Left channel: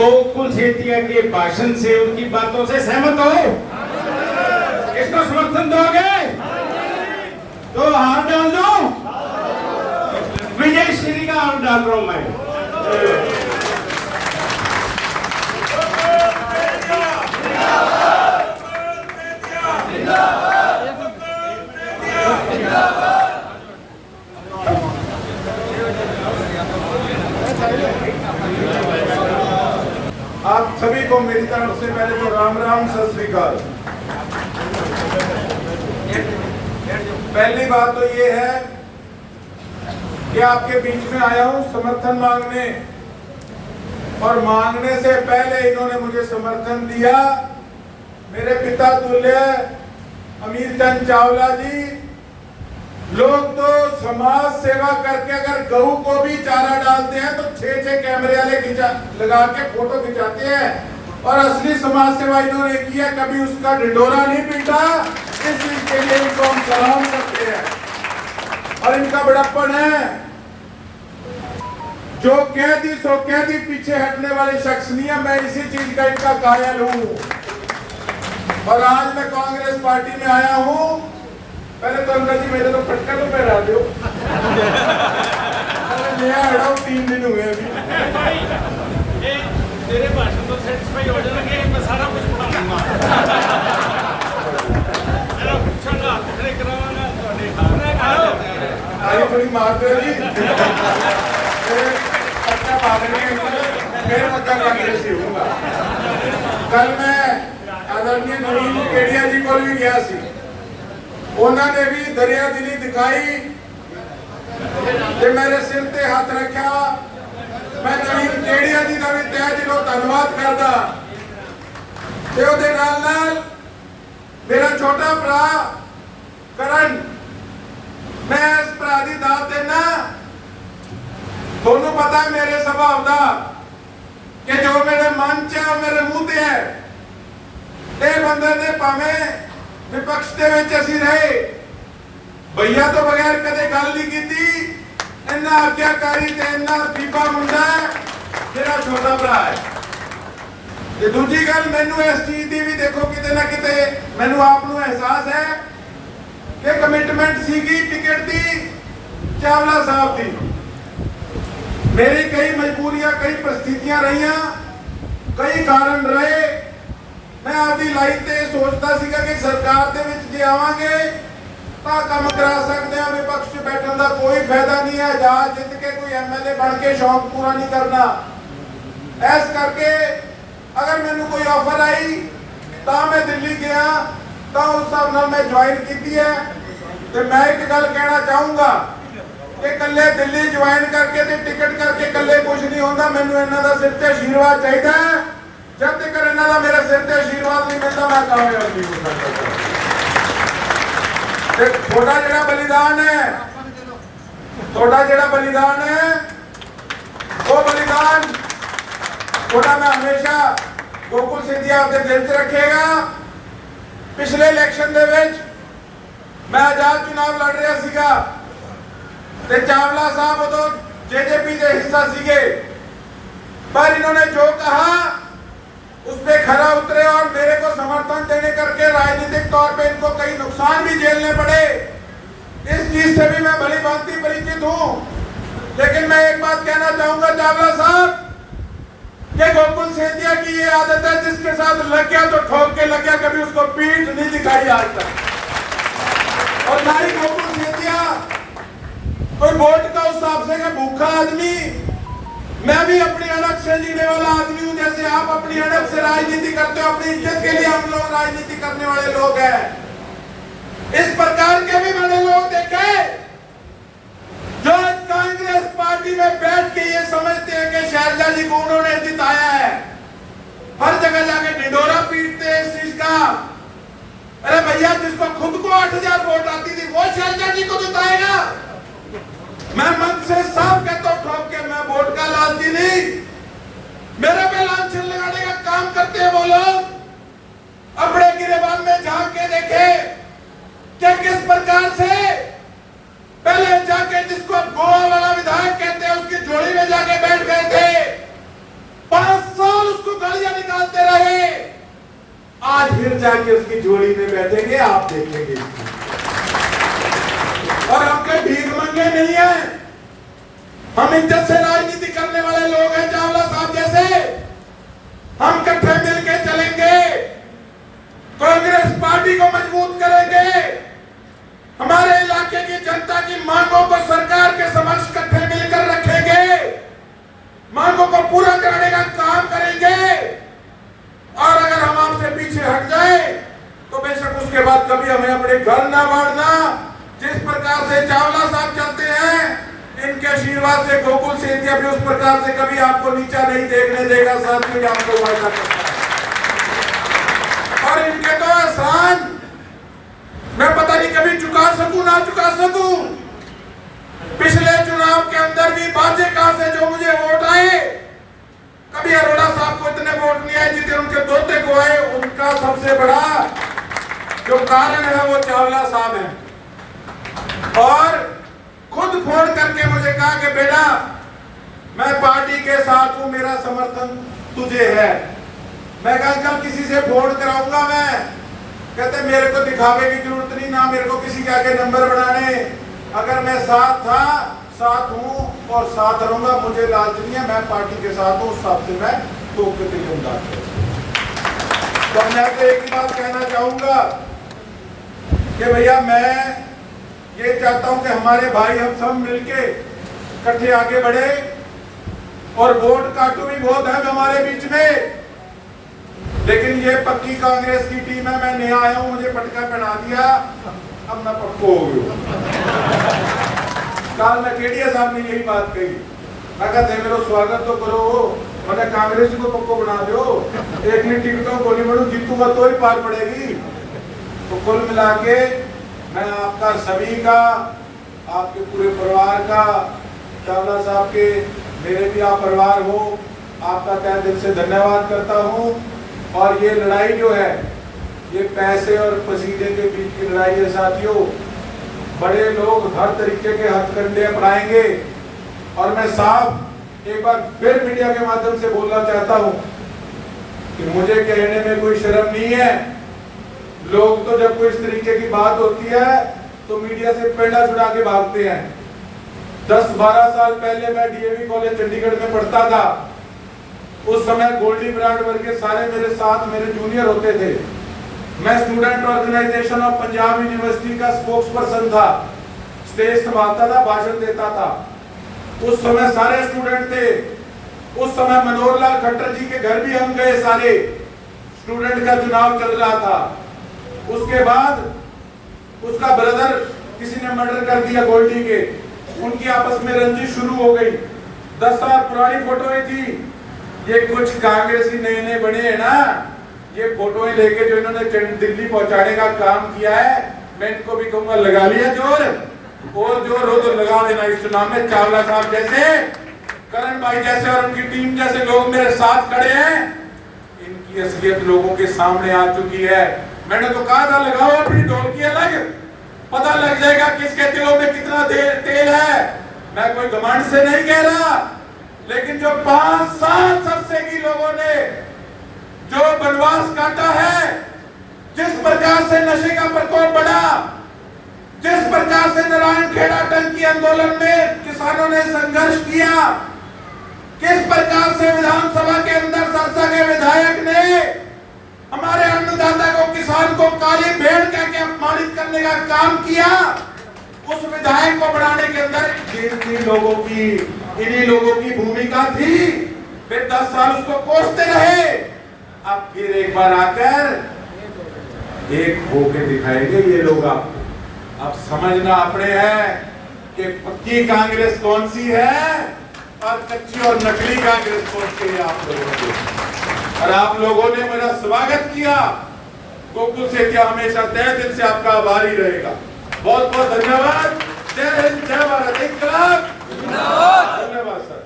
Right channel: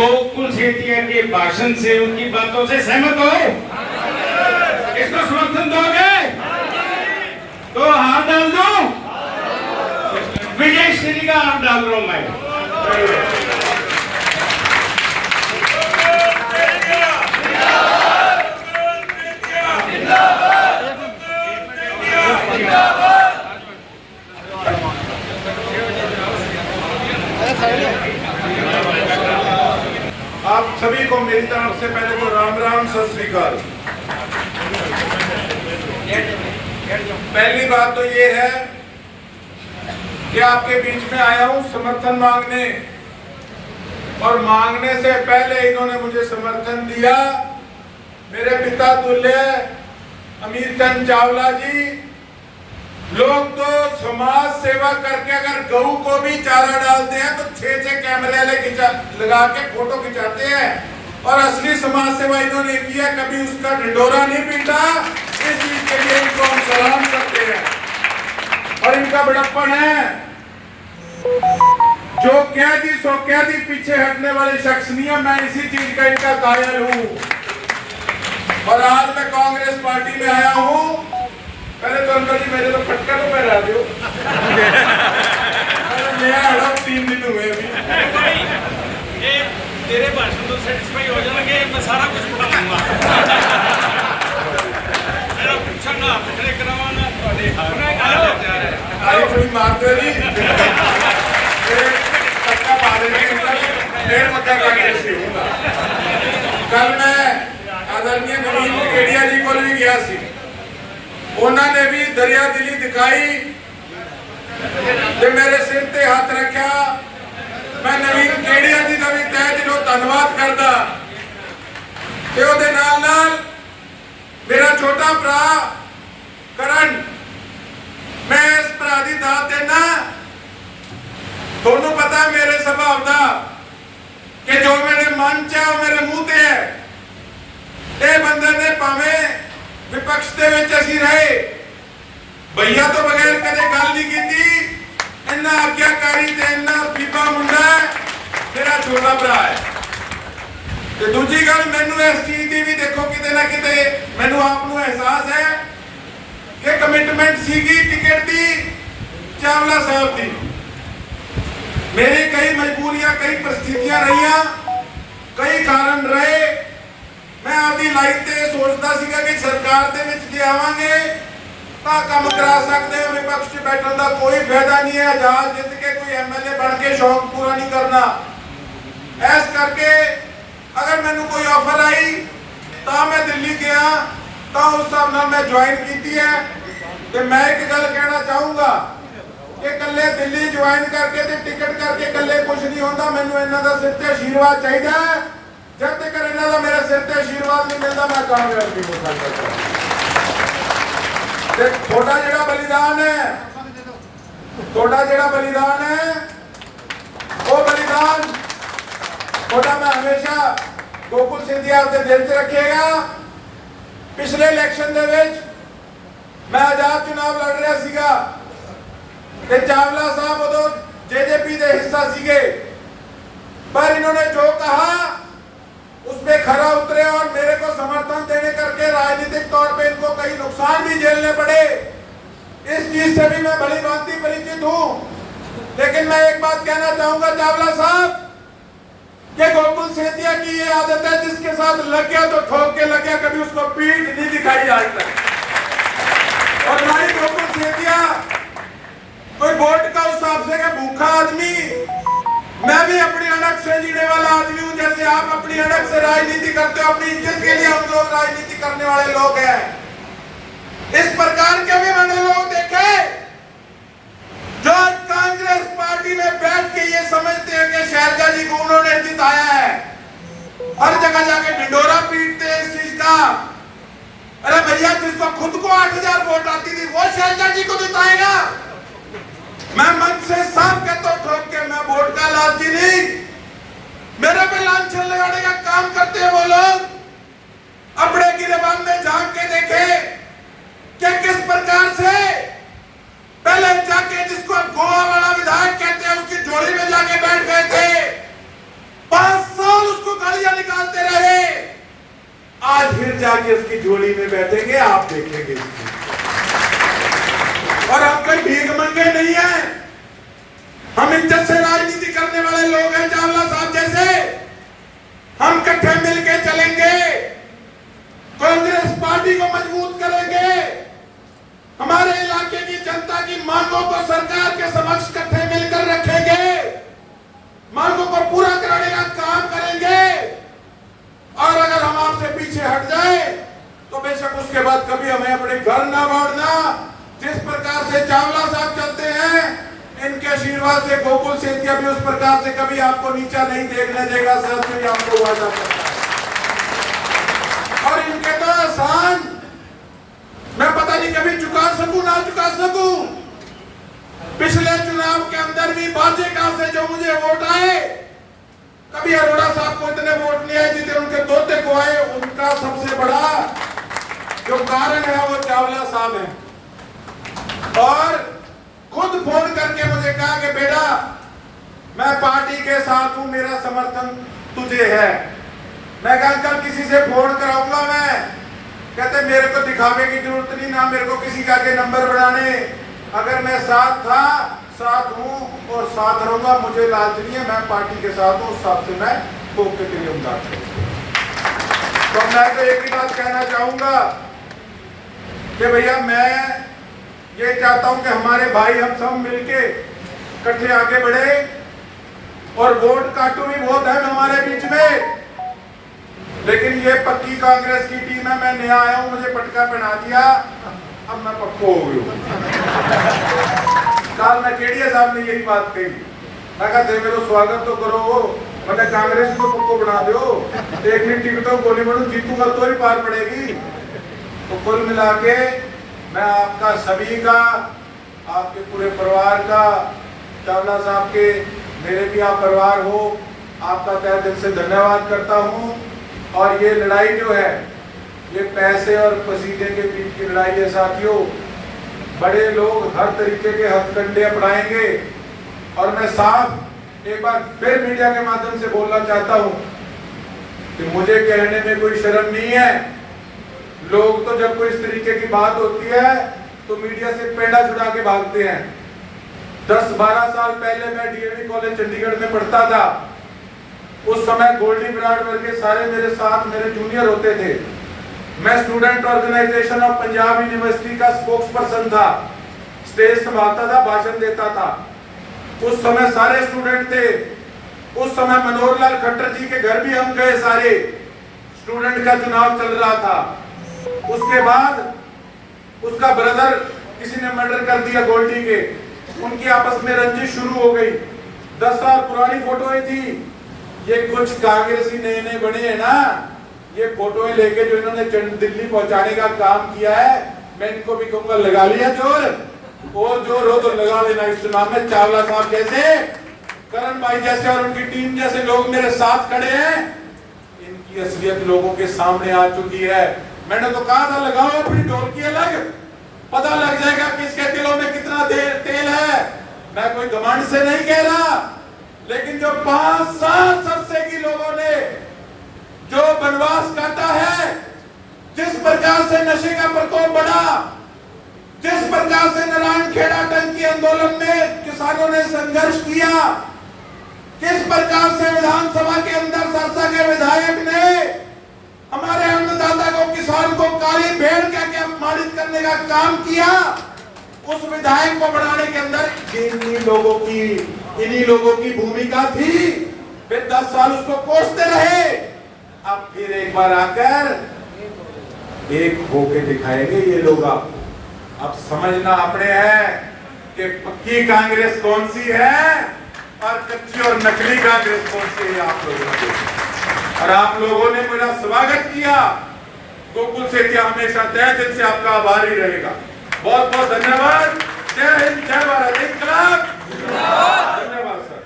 गोकुल सेठिया के भाषण से, उनकी बातों से सहमत हो? इसको समर्थन दोगे? तो हाथ डाल दो। विजय श्री का हाथ डाल रहा हूं मैं। आप सभी को मेरी तरफ से पहले तो राम राम, सत श्री अकाल। पहली बात तो ये है कि आपके बीच में आया हूं समर्थन मांगने, और मांगने से पहले इन्होंने मुझे समर्थन दिया। मेरे पिता तुल्य अमीर चंद चावला जी, लोग तो समाज सेवा करके अगर गऊ को भी चारा डालते हैं तो 6-6 कैमरे वाले लगा के फोटो खिंचाते हैं, और असली समाज सेवा इन्होंने किया, कभी उसका ढिंडोरा नहीं पीटा। इस चीज के लिए इनको हम सलाम करते हैं। और इनका बड़प्पन है, जो कह दी सो कह दी, पीछे हटने वाले शख्स नहीं है। मैं इसी चीज का इनका कायल हूं, और आज मैं कांग्रेस पार्टी में आया हूं। पहले तो अंकल जी मेरे तो खटका तो पहरा दो। मैं आया हूं 3 दिन हुए अभी। तेरे भाषण तो सेटिस्फाई हो जाएंगे, मैं सारा कुछ पढ़ाऊंगा। मेरा पूछना पकड़े करवाना थोड़े आई थोड़ी मारते नहीं। खटका मारने डेढ़ मत कांग्रेस से हूंगा। कल मैं आदरणीय नवीन केडिया जी को भी गया सी, उन्होंने भी दरिया दिली दिखाई ते मेरे सिर ते हाथ रखा। मैं नवीन केडिया जी का भी तहे दिलों धन्यवाद करदा। ते ओदे नाल नाल मेरा छोटा भरा करण, मैं इस भरा दी दात देना। थोनू पता है मेरे स्वभाव दा कि जो मेरे मन च है मेरे मुंह ते है। ये बंदे ने भावें विपक्ष दे विच असीं रहे, भैया तो बगैर कदे गल नहीं कीती। इन्ना आज्ञाकारी ते इन्ना बीबा मुंडा मेरा छोटा भरा है। ते दूजी गल, मैनू इस चीज दी भी देखो किते ना किते मैनू आप नू एहसास है कि कमिटमेंट सीगी टिकट दी चावला साहब दी। मेरी कई मजबूरियां, कई परिस्थितियां रहियां, कई कारण रहे। मैं आपकी लाइफ ते सोचता सीगा कि सरकार दे विच जे आवांगे तां काम करा सकते हो, विपक्ष च बैठण दा कोई फायदा नहीं है। आजाद जित के कोई एमएलए बन के शौक पूरा नहीं करना। ऐस करके अगर मैनू कोई ऑफर आई तां मैं दिल्ली गया, तां उस हिसाब नाल मैं ज्वाइन कीती है। ते मैं एक गल कहना चाहूंगा कि कल्ले दिल्ली ज्वाइन करके ते टिकट करके कल्ले कुछ नहीं होंदा। मैनू इन्हां दा सिर ते आशीर्वाद चाहिदा है। जब तक इन्हां दा मेरे सिर ते आशीर्वाद नहीं मिलता मैं कामयाब नहीं हो सकता। थोड़ा जिहड़ा बलिदान है, थोड़ा जिहड़ा बलिदान है, वो बलिदान थोड़ा मैं हमेशा गोकुल सेठिया दे दिल च रखेगा। पिछले इलेक्शन दे विच मैं आजाद चुनाव लड़ रहा सीगा ते चावला साहब उदों जेजेपी दे हिस्सा सीगे, पर इन्होंने जो कहा उस पे खरा उतरे और मेरे को समर्थन देने करके राजनीतिक तौर पे इनको कई नुकसान भी झेलने पड़े। इस चीज से भी मैं भली भांति परिचित हूं। लेकिन मैं एक बात कहना चाहूंगा चावला साहब, कि गोकुल सेठिया की ये आदत है, जिसके साथ लग गया तो ठोक के लग गया, कभी उसको पीठ नहीं दिखाई आज तक। और ना ही गोकुल सेठिया कोई वोट का उस हिसाब से कि भूखा आदमी, मैं भी अपनी अड़क से जीने वाला आदमी हूं। जैसे आप अपनी अड़क से राजनीति करते हो, अपनी इज्जत के लिए हम लोग राजनीति करने वाले लोग हैं। इस प्रकार के भी मैंने लोग देखे जो कांग्रेस पार्टी में बैठ के ये समझते हैं कि शैलजा जी को उन्होंने जिताया है, हर जगह जाके ढिंडोरा पीटते हैं इस चीज का। अरे भैया, जिसको खुद को 8000 वोट आती थी वो शैलजा जी को जिताएगा? मैं मन से साफ कहता हूं ठोक के, मैं वोट का लालची नहीं। मेरे पे लांछन लगाने का काम करते हैं वो लोग। अपने गिरेबान में झांक के देखे कि किस प्रकार से पहले जाके, जिसको गोवा वाला विधायक कहते हैं, उसकी झोली में जाके बैठ गए थे। 5 साल जाके उसकी जोड़ी में बैठेंगे, आप देखेंगे इसकी। और हम कोई भीख मंगे नहीं है, हम इज्जत से राजनीति करने वाले लोग हैं चावला साहब जैसे। हम इकट्ठे मिलके चलेंगे, कांग्रेस पार्टी को मजबूत करेंगे, हमारे इलाके की जनता की मांगों को सरकार के समक्ष इकट्ठे मिलकर रखेंगे, मांगों को पूरा कराने का काम करेंगे। और अगर हम आपसे पीछे हट जाए तो बेशक उसके बाद कभी हमें अपने घर ना बांटना। जिस प्रकार से चावला साहब चलते हैं, इनके आशीर्वाद से गोकुल सेतिया भी उस प्रकार से कभी आपको नीचा नहीं देखने देगा। साथियों, आपको वादा करता है। और इनके तो एहसान मैं पता नहीं कभी चुका सकूं ना चुका सकूं। पिछले चुनाव के अंदर भी भाजपा से जो मुझे वोट आए, कभी अरोड़ा साहब को इतने वोट नहीं आए जितने उनके दोते को आए। उनका सबसे बड़ा जो कारण है वो चावला साहब है। और खुद फोन करके मुझे कहा कि बेटा मैं पार्टी के साथ हूं, मेरा समर्थन तुझे है। मैं कल किसी से फोन कराऊंगा मैं, कहते मेरे को दिखावे की जरूरत नहीं, ना मेरे को किसी के आगे नंबर बनाने। अगर मैं साथ था, साथ हूं और साथ रहूंगा, मुझे लालच नहीं है, मैं पार्टी के साथ हूं, सबसे मैं ठोक के तेरी उम्दाद करूंगा। तो मैं तो एक ही बात कहना चाहूंगा कि भैया मैं ये चाहता हूं कि हमारे भाई हम सब मिलके इकट्ठे आगे बढ़े। और वोट काटू भी बहुत है हमारे बीच में, लेकिन ये पक्की कांग्रेस की टीम है। मैं नया आया हूं, मुझे पटका पहना दिया, अब मैं पक्को हो गया। कल मैं केडिया साहब ने यही बात कही, मैं कहते मेरा स्वागत तो करो, मैंने कांग्रेस को पक्को बना दो, एक नहीं टिकटों गोली बढ़ू, जीतूंगा तो ही पार पड़ेगी। तो कुल मिला के मैं आपका सभी का, आपके पूरे परिवार का, चावला साहब के मेरे भी आप परिवार हो, आपका तहे दिल से धन्यवाद करता हूं। और ये लड़ाई जो है, ये पैसे और पसीने के बीच की लड़ाई है साथियों। बड़े लोग हर तरीके के हथकंडे अपनाएंगे। और मैं साफ एक बार फिर मीडिया के माध्यम से बोलना चाहता हूं कि मुझे कहने में कोई शर्म नहीं है। लोग तो जब कोई इस तरीके की बात होती है तो मीडिया से पेंडा छुड़ा के भागते हैं। 10-12 साल पहले मैं डीएवी कॉलेज चंडीगढ़ में पढ़ता था। उस समय गोल्डी ब्रांड वर्ग के सारे मेरे साथ मेरे जूनियर होते थे। मैं student organisation of Punjab university का स्पोक्स पर्सन था, स्टेज संभालता था, भाषण देता था। उस समय सारे स्टूडेंट थे। उस समय मनोहर लाल खट्टर जी के घर भी हम गए सारे, स्टूडेंट का चुनाव चल रहा था। उसके बाद उसका ब्रदर किसी ने मर्डर कर दिया गोल्डी के, उनकी आपस में रंजिश शुरू हो गई। 10 साल पुरानी फोटोएं थी। ये कुछ कांग्रेसी नए नए बने हैं ना, ये फोटोएं लेके जो इन्होंने दिल्ली पहुंचाने का काम किया है, मैं इनको भी कहूंगा लगा लिया जोर, और जोर हो तो लगा लेना इस चुनाव में। चावला साहब जैसे, करण भाई जैसे और उनकी टीम जैसे लोग मेरे साथ खड़े हैं, इनकी असलियत लोगों के सामने आ चुकी है। मैंने तो कहा था लगाओ अपनी ढोलकी अलग, पता लग जाएगा किसके दिलों में कितना तेल है। मैं कोई घमंड से नहीं कह रहा, लेकिन जो 5 साल सरसे की लोगों ने जो वनवास काटा है, जिस प्रकार से नशे का प्रकोप बढ़ा, जिस प्रकार से नारायण खेड़ा टंकी आंदोलन में किसानों ने संघर्ष किया, किस प्रकार से विधानसभा के अंदर सरसा के विधायक ने हमारे अन्नदाता को, किसान को काली भेड़ कह के अपमानित करने का काम किया, उस विधायक को बनाने के अंदर इन्हीं लोगों की भूमिका थी। फिर 10 साल उसको कोसते रहे। अब फिर एक बार आकर एक होके दिखाएंगे ये लोग। अब समझना अपने है कि पक्की कांग्रेस कौन सी है और कच्ची और नकली कांग्रेस कौन सी है। आप लोगों ने, और आप लोगों ने मेरा स्वागत किया। गोकुल सेतिया हमेशा तहे दिल से आपका आभारी रहेगा। बहुत बहुत धन्यवाद। जय हिंद, जय भारत, इंकलाब। धन्यवाद सर।